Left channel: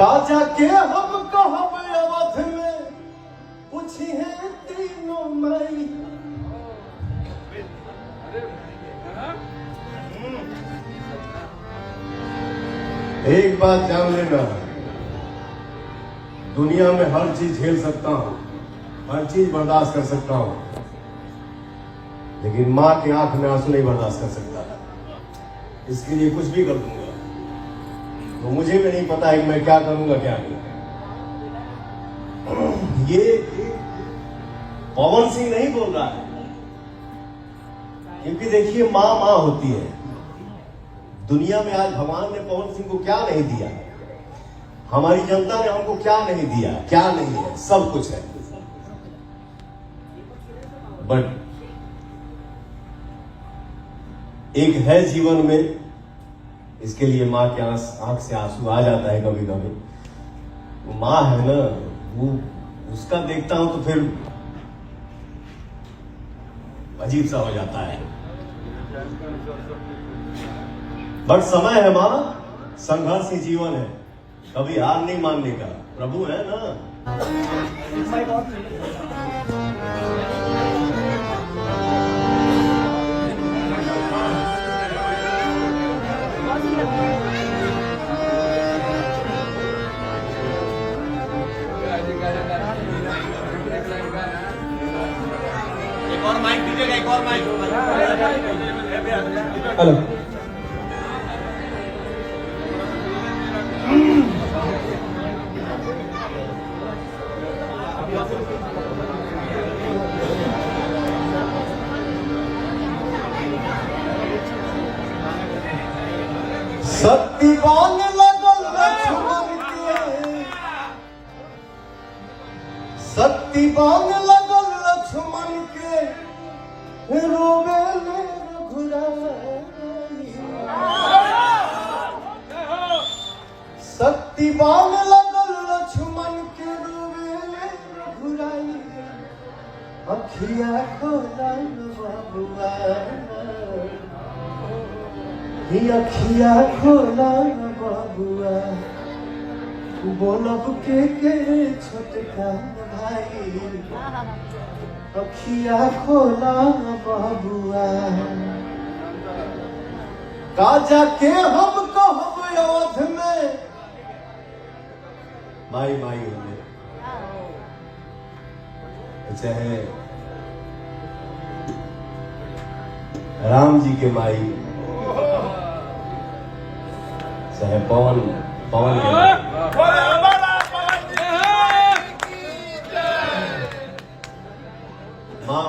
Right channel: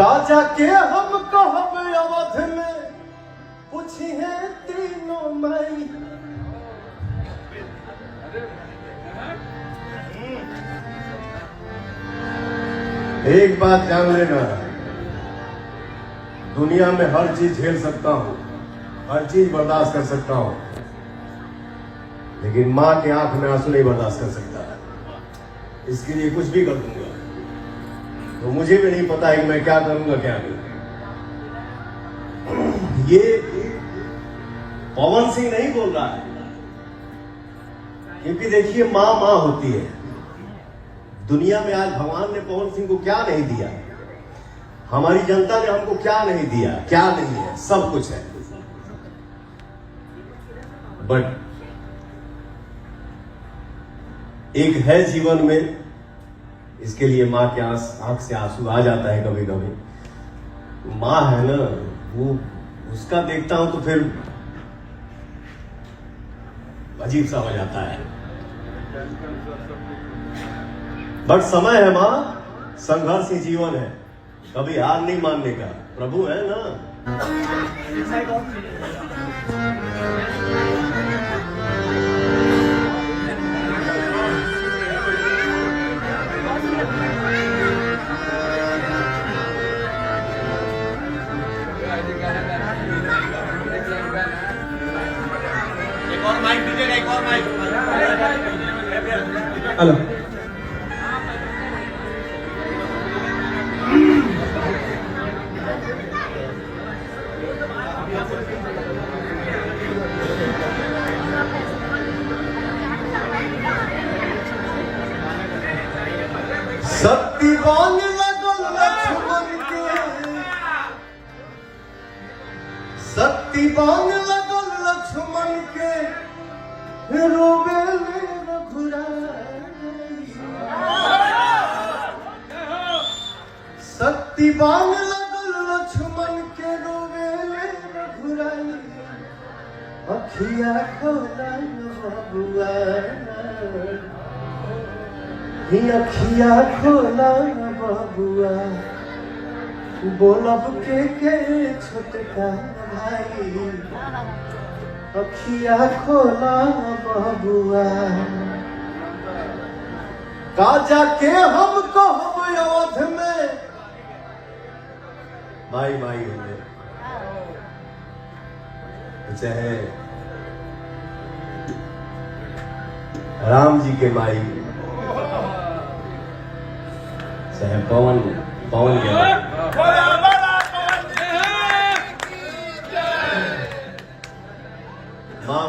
काजा के हम कहब अवध में पूछिए तीनों मई। एक बात जान लेना, दुनिया में हर चीज झेल सकता हूं, हर चीज बर्दाश्त कर सकता हूं, लेकिन मां के आंख में आंसू नहीं बर्दाश्त कर सकता। इसके लिए कुछ भी कर दूंगा। तो मुझे भी नहीं पता है कि मैं क्या करूंगा क्या नहीं। ये पवन सिंह नहीं बोल रहा है, क्योंकि देखिए मां मां होती है। दुनिया में आज भगवान ने पवन सिंह को क्या नहीं दिया, हमारी जनता ने हमको क्या नहीं दिया, क्या नहीं है, सब कुछ है। बट एक है जीवन में, इसके लिए मां के आंख से आंसू आ जाता है कभी कभी। मां है ना, वो उसका देखता हूं तो फिर अजीब सा हो जाता है। बट समय है मां, संघर्ष ही जीवन है, कभी हार नहीं मानने का। प्रभु है ना। एक और माइक दीजिएगा, एक और माइक। हेलो, शक्ति बान लगल लक्ष्मण के, शक्ति बान लगल लक्ष्मण के, रोवे रघुराई। शक्ति बान लगल लक्ष्मण के, रोवे रघुराई। अखिया खोला बबुआ, अखिया खोला बबुआ, बोलब के छोटका भाई। अखिया खोला बबुआ, काजा के हम कहब अवध में। माई माई चाहे राम जी के माई, चाहे पवन मां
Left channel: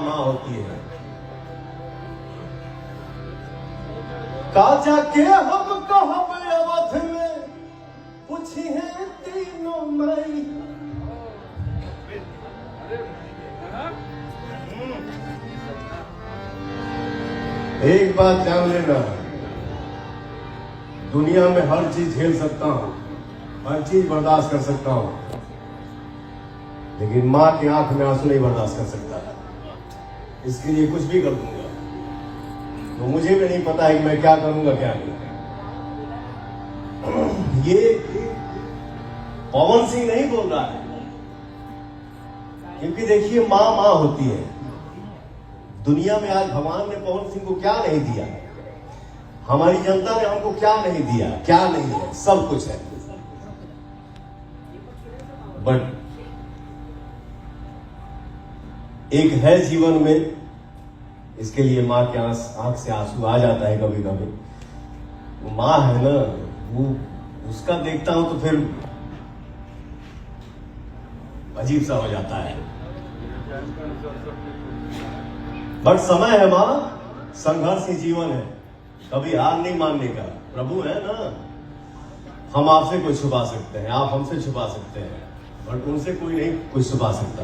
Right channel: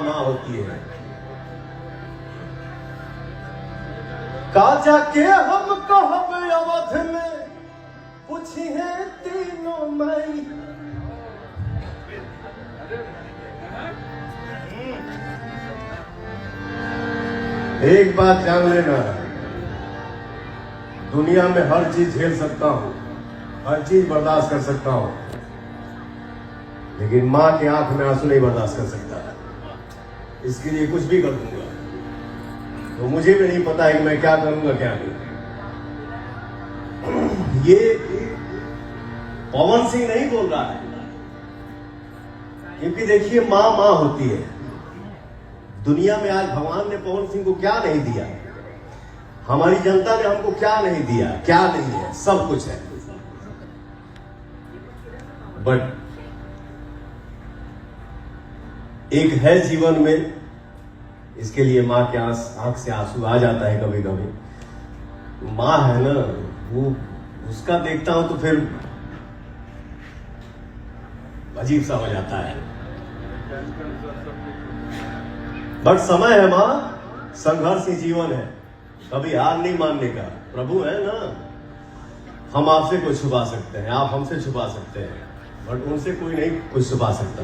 मां होती है। काजा के हम कहब अवध में पूछिए तीनों मई। एक बात जान लेना, दुनिया में हर चीज झेल सकता हूं, हर चीज बर्दाश्त कर सकता हूं, लेकिन मां के आंख में आंसू नहीं बर्दाश्त कर सकता। इसके लिए कुछ भी कर दूंगा। तो मुझे भी नहीं पता है कि मैं क्या करूंगा क्या नहीं। ये पवन सिंह नहीं बोल रहा है, क्योंकि देखिए मां मां होती है। दुनिया में आज भगवान ने पवन सिंह को क्या नहीं दिया, हमारी जनता ने हमको क्या नहीं दिया, क्या नहीं है, सब कुछ है। बट एक है जीवन में, इसके लिए मां के आंख से आंसू आ जाता है कभी कभी। मां है ना, वो उसका देखता हूं तो फिर अजीब सा हो जाता है। बट समय है मां, संघर्ष ही जीवन है, कभी हार नहीं मानने का। प्रभु है ना। हम आपसे कुछ छुपा सकते हैं, आप हमसे छुपा सकते हैं, बट उनसे कोई नहीं कुछ छुपा सकता।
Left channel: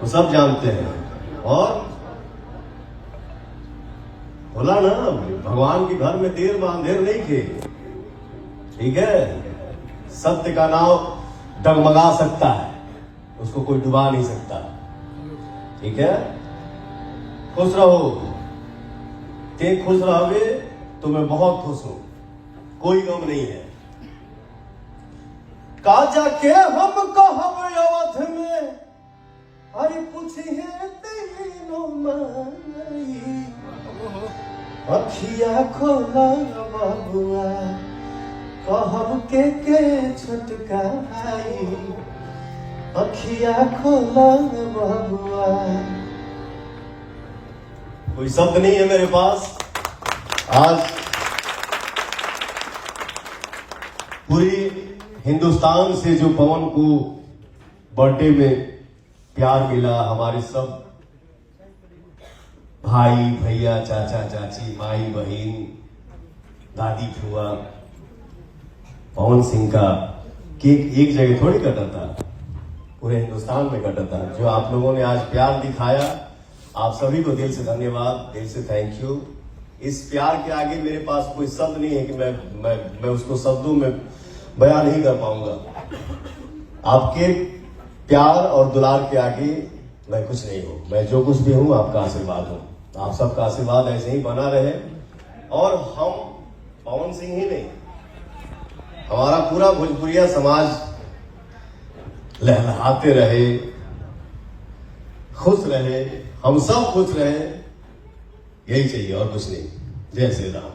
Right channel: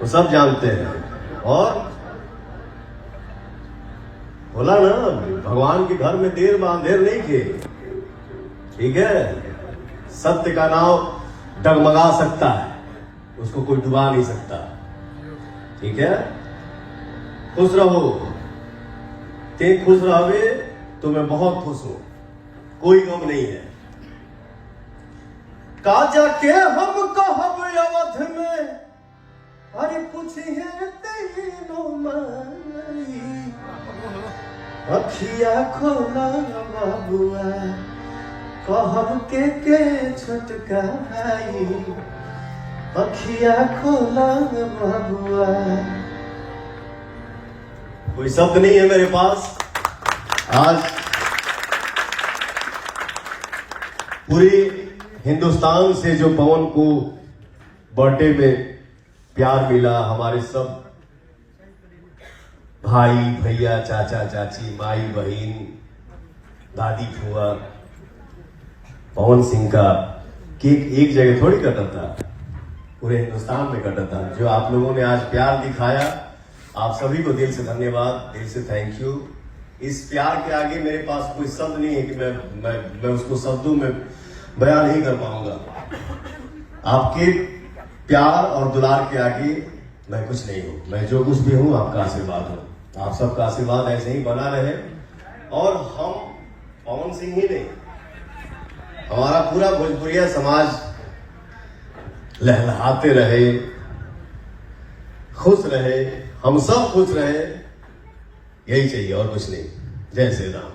वो सब जानते हैं। और बोला ना, भगवान के घर में देर बांधेर नहीं थे। ठीक है, सत्य का नाव डगमगा सकता है, उसको कोई डुबा नहीं सकता। ठीक है, खुश रहो। ते खुश रहोगे तो मैं बहुत खुश हूं, कोई गम नहीं है। काजा के हम कहब अवध में, अरे पूछिए तीनों माई, अखिया खोला बाबुआ कहब के छोटका भाई, अखिया खोला बाबुआ। कोई शब्द नहीं है मेरे पास। आज पूरी हिंदुस्तान से जो पवन को बर्थडे में प्यार मिला, हमारे सब भाई भैया चाचा चाची माई बहन दादी फुआ, पवन सिंह का केक एक जगह थोड़ी कटा था, पूरे हिंदुस्तान में कटा था। जो आप लोगों ने आज प्यार दिखाया, आप सभी को दिल से धन्यवाद, दिल से थैंक यू। इस प्यार के आगे मेरे पास कोई शब्द नहीं है कि मैं उसको शब्दों में बयान नहीं कर पाऊंगा। आपके प्यार और दुलार के आगे मैं कुछ नहीं हूं। मैं जो कुछ भी हूं आपका आशीर्वाद हूं। आप सबका आशीर्वाद ऐसे ही बना रहे और हम पवन सिंह ही नहीं, हमारा पूरा भोजपुरिया समाज लहलहाते रहे, खुश रहे, हम सब खुश रहे, यही चाहिए और कुछ नहीं। जय श्री राम।